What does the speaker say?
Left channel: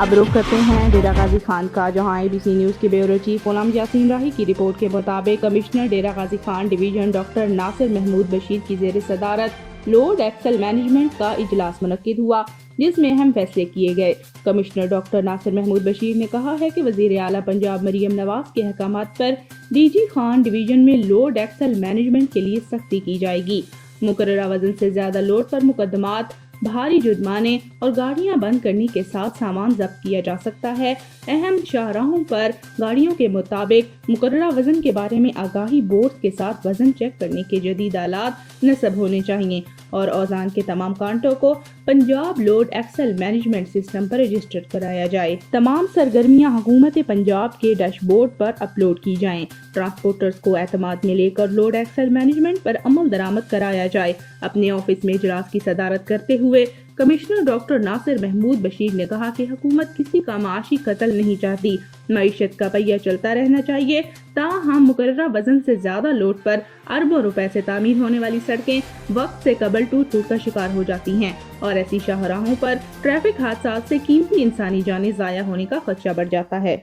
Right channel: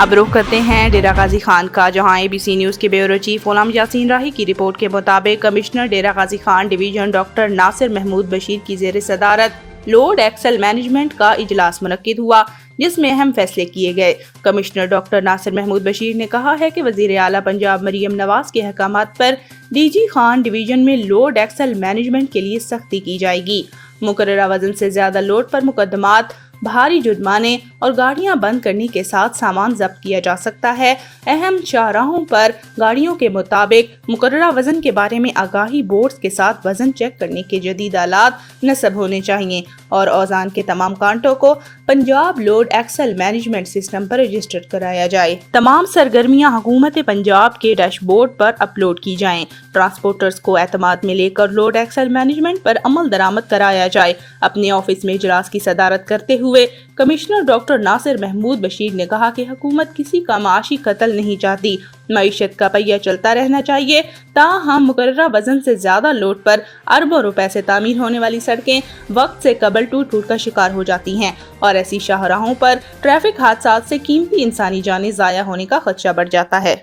اب رخ کرتے ہیں ڈیرہ غازی خان کا، جہاں ABC نیوز کے بیورو چیف غلام یاسین راہی کی رپورٹ کے مطابق commissioner Dera Ghazi Khan division doctor ناصر محمود بشیر کی زیر صدارت لوڈ ایکسل مینجمنٹ کا اجلاس منعقد ہوا، جس میں اہم فیصلے کیے گئے۔ کمشنر ڈاکٹر ناصر محمود بشیر نے کہا ہے کہ وزیر اعلیٰ پنجاب مریم نواز کے احکامات پر DG خان ڈویژن میں لوڈ ایکسل مینجمنٹ کے لیے سختی کی جائے گی۔ مقررہ وزن سے زیادہ لوڈ پر مقدمات، بھاری جرمانے اور گاڑیاں بند کرنے کے ساتھ سامان ضبط کیا جا سکتا ہے۔ اہم شاہراہوں پر گاڑیوں کے مطابق مقررہ وزن کے بارے میں آگاہی بورڈز کے ساتھ وزن چیک کرنے کے جدید آلات نصب ہونے چاہیے اور اوزان کے تمام کانٹوں کو Punjab load axle management system پر رجسٹر کرایا جائے۔ تمام سرگرمیاں حکومت پنجاب کے ڈیش بورڈ پر اپلوڈ کی جائیں۔ ٹرانسپورٹرز کو اعتماد میں لے کر لوڈ ایکسل مینجمنٹ پر عمل درآمد کرایا جائے۔ اپنے آفس میں اجلاس کی صدارت کرتے ہوئے کمشنر ڈاکٹر ناصر محمود بشیر نے کہا کہ حکومت کسی کا معاشی قتل نہیں چاہتی، معیشت کا پہیہ چلتا رہنا چاہیے، تاہم مقررہ وزن سے زیادہ لوڈ پر اربوں روپے سے تعمیر ہونے والی سڑکیں وقت سے قبل ٹوٹ کا شکار ہو جاتی ہیں اور ایسی شاہراہوں پر ٹریفک حادثات سے قیمتی انسانی جانیں ضائع ہونے کا خدشہ بڑھ جاتا ہے۔